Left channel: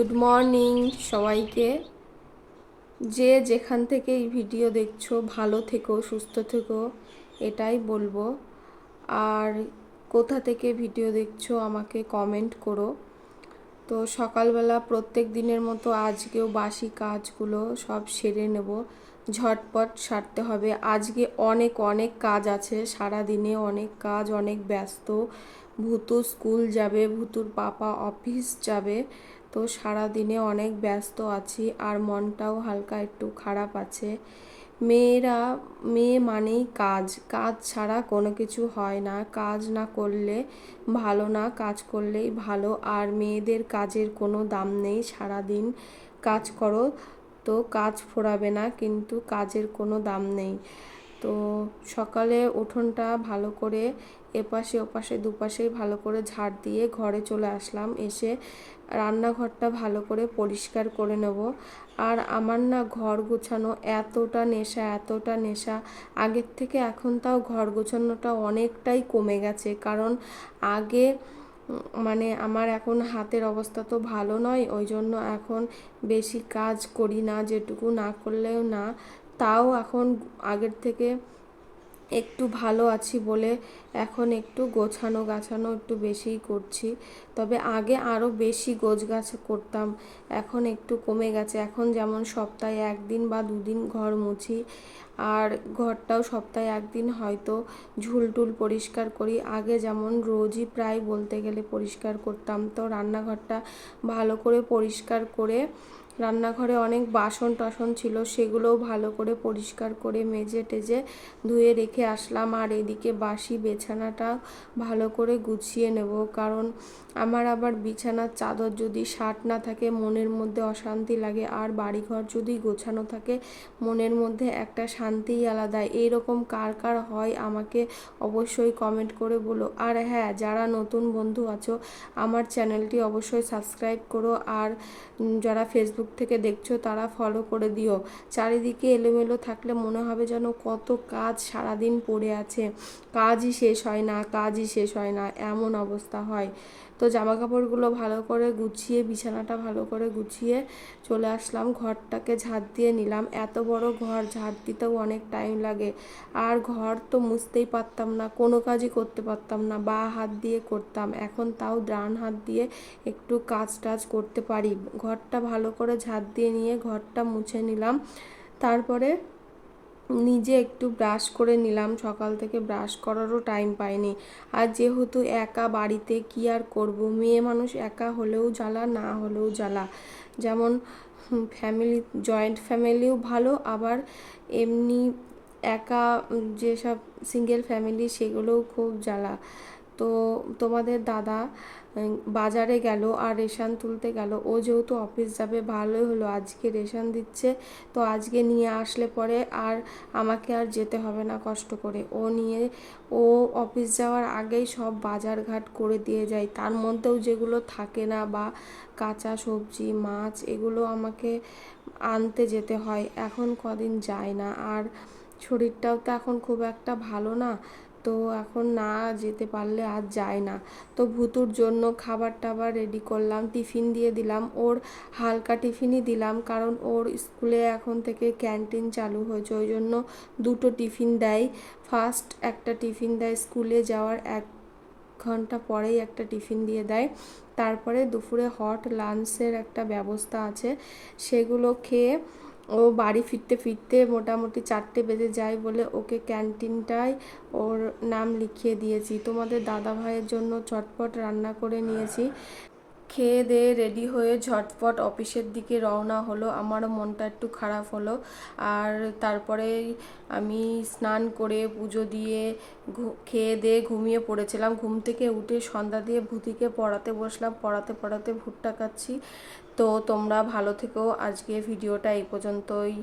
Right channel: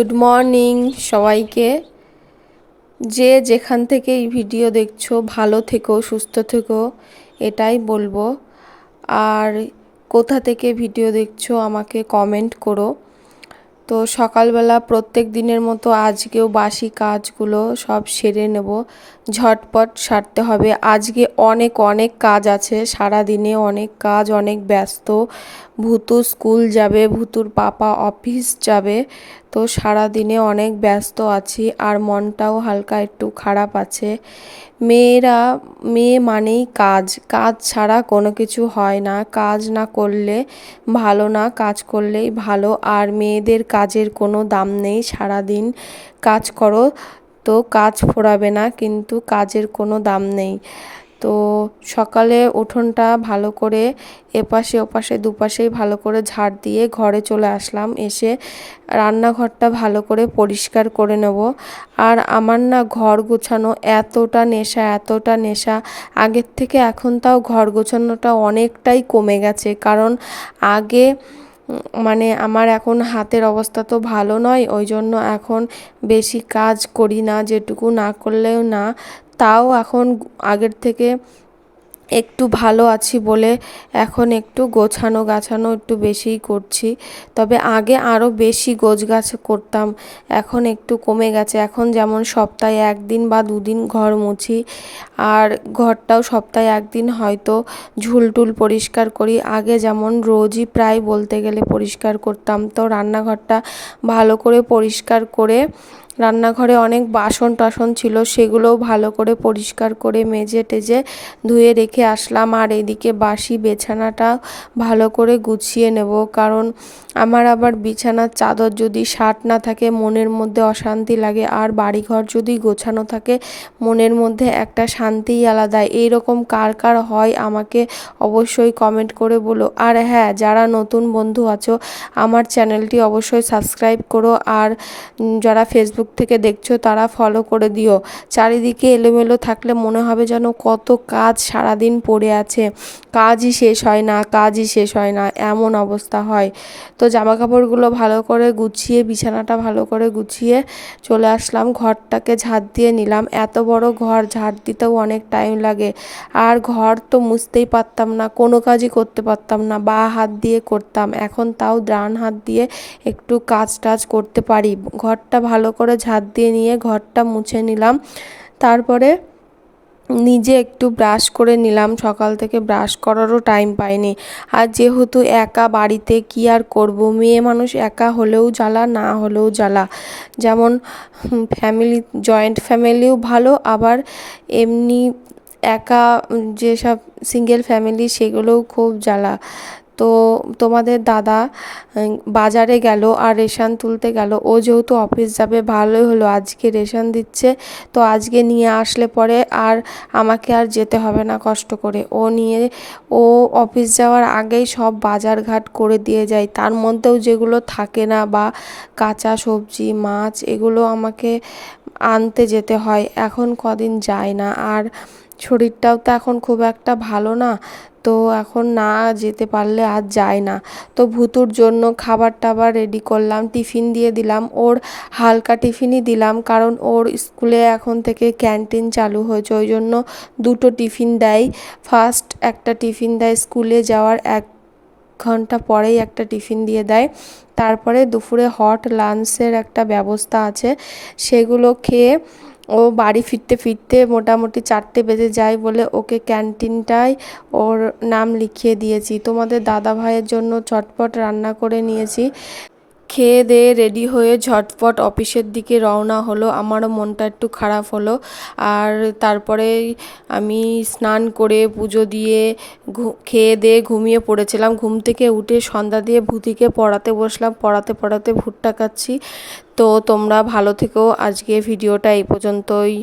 Good morning সবাইকে। যে যেখান থেকে এই ভিডিও দেখছো ভালো থেকো, সুস্থ থেকো, এটাই বলবো। আর কোথা থেকে ভিডিও দেখছো আমাকে কমেন্ট করো। তো সকালবেলা প্রত্যেক দিনের মতো আজকেও বাসি কাজগুলো সব সেরে নেব, ঝটপট সারতে হবে। আজকে অনেক অনেক কাজ আছে, সারা দিনে অনেক কাজ, অনেক ব্যস্ত। ভূতু স্কুল যাবে, ভূতুর পাপা অফিস যাবে, তো সারা দিনে অনেক ব্যস্ত আছি আর মনটাও হালকা একটু খারাপ আছে। মেয়ে মানেই কাজ, কাজ ছাড়া কোনো কিছু হয় না। কাজ না করলে ভালো না, কাজ করলেই ভালো। আর মেয়েদের কাজের কোনো দাম নেই, সারাদিন কাজ করো তো কাজ ফুরাবে না, কিন্তু কাজের কোনো দাম নেই। তো সকালে উঠোনটা ভালো করে এপাশে ওপাশে দুপাশেই ভালো করে ঝাড় দিয়ে ঘরে চলে আসলাম। এসে রান্নাঘরটা ভালো করে পরিষ্কার করে নেব। আর আমার না ঘর গোছানো এতটা নেশা আগের থেকে এখন তাও ঘর গোছানোটা অনেকটাই কমে গেছে। কারণ আগে মানে আমার এখন হাতের অবস্থা তো ভালো নয়, ওই জন্য এখন বেশি কাজ করি না, যেটুকু না করলেও না। তাও এখন আগের থেকে একটু ভালো আছি বলে এখন একটু গোছানো গাছানো একটু বেশিই করছি। তবে আগে আরও বেশি গোছগাছ করতাম, এখন একটু কমে গেছে। এখন যেমন সপ্তাহে একদিন বা দুদিন ঘর মুছি, আর ঘরটাও সপ্তাহে একদিন হয়তো ঝুলটুল পরিষ্কার করি। আগে যেমন রোজই প্রায় বলতে গেলে পরিষ্কার করতাম। তো রান্নাঘরটা ভালো করে পরিষ্কার করে, রান্নাঘরে অনেক বাসন টাসন ছিল, সেগুলোও ভালো করে পরিষ্কার করে মেজে টেজে ধুয়ে রেখে আসলাম। আর এদিকে বাসি বিছানাটা ভালো করে গুছিয়ে নেব, কারণ আমার আবার বিছানার চাদর যদি সাট না থাকে মনের মধ্যে অশান্তি লাগে, আর বাড়িঘর যদি গোছানো থাকে মনের মধ্যে একটা শান্তিই আলাদা। এইরকম কার কার হয় আমাকে অবশ্যই কমেন্ট করে বলো। আর হ্যাঁ, যারা নতুন বন্ধু আছো আমার চ্যানেলটি অবশ্যই সাবস্ক্রাইব করো, আর যারা ফেসবুক থেকে দেখছো তারা ফলো করে দিও। চারিদিকে এলোমেলো থাকলে মনে হবে যেন কত কাজ সারাদিন পড়ে আছে, কাজই শেষ হয় না, কাজই শেষ হয় না, এমন অবস্থা হয়। তো জামা কাপড়গুলো ভালো করে গুছিয়ে, বিছানাটা ভালো করে গুছিয়ে চলে আসলাম, ঘরটাকে ঝাড় দিয়ে নিলাম। এত বড় ঘর ঝাড় দিতেও অনেক টাইম লাগে, আর ঘর তো মুছতেই পারতাম না, কোনো কাজই করতে পারতাম না, বা হাত দিয়ে করতাম। এখন তাও ডান হাত দিয়ে একটু কাজ টাজ করতে পারি। ঘরটা ভালো করে ঝাড় দিয়ে নিয়ে ঘরটা মুছে নিলাম। তারপরে নিজে একটু ব্রাশ করে নিলাম, সকাল থেকে ব্রাশ করারও টাইম পাইনি। আর যেহেতু একা বাড়িতে কি আর করব, মেয়ে মানুষ একা হলেও জ্বালা, না হলেও জ্বালা। যেমন ফ্যামিলি, জয়েন্ট ফ্যামিলিও ভালো, আবার এমনি একা যেসব সিঙ্গেল ফ্যামিলি সেগুলোও খুব জ্বালা। তো তোমাদের দাদা বাজারে গেল আর রেশন তুলতে গেল। ও যেহেতু অফিস যাবে ভালোই হলো, আজকে রেশন দিচ্ছে, তো আজকে নিয়ে আসলে পরে আর আমাকে আর যেতে হবে না কষ্ট করে। ও অফিস যাওয়ার আগেই সব বাজার ঘাট করে দিয়ে যায়, তার মধ্যেও যেগুলো থাকে না বা কাঁচা সবজি মাছ এগুলো আমাকে আনতে যেতে হয়। এখন কদিন যায় না, আর শরীরটাও তো এখন খুব একটা ভালো না, তো এখন না যেতে পারলে আর যায় না। তো ভুতুর জন্য খাবার টাবার রেডি করলাম, টিফিন দিয়ে দিলাম, ওর হালকা টিফিনই দিলাম, কারণ ওর স্কুলে এখন থেকে ক্যান্টিন চালু হয়েছে, ওই জন্য দুটো টিফিন দেয়। ফার্স্ট একটা টিফিন দেয় স্কুলে যাওয়ার 1 ঘন্টা পরেই একটা টিফিন দিয়ে দেয়। তারপরে দুপুরে হট লাঞ্চের একটা ব্যবস্থা আছে, সেগুলো খেয়ে ও বাড়ি ফিরতে ফিরতে মোটামুটি 4টে বেজে যায় বলে ওকে ক্যান্টিনটায় ওর নাম লিখিয়ে দিয়েছি। তোমাদের দাদা ভাইয়ের জন্য চটপট রান্না করে নিয়েছি। খেয়ে দিয়ে রেডি হয়ে ঝটপট অফিসের দিকে রওনা হলো। আমারও মনটা একটু খারাপ হলো। আর তারপরে আমি স্নান করে পুজো দিয়ে খেয়ে দিয়ে ঘুমিয়ে পড়েছিলাম। ঘুম থেকে উঠে সন্ধ্যা দিয়ে ভূতিকে পড়াতে বসলাম, পড়াতে পড়াতে ভুট্টা খাচ্ছি। তো তোমরা ভালো থেকো, আজকে ভিডিওটা এই পর্যন্তই।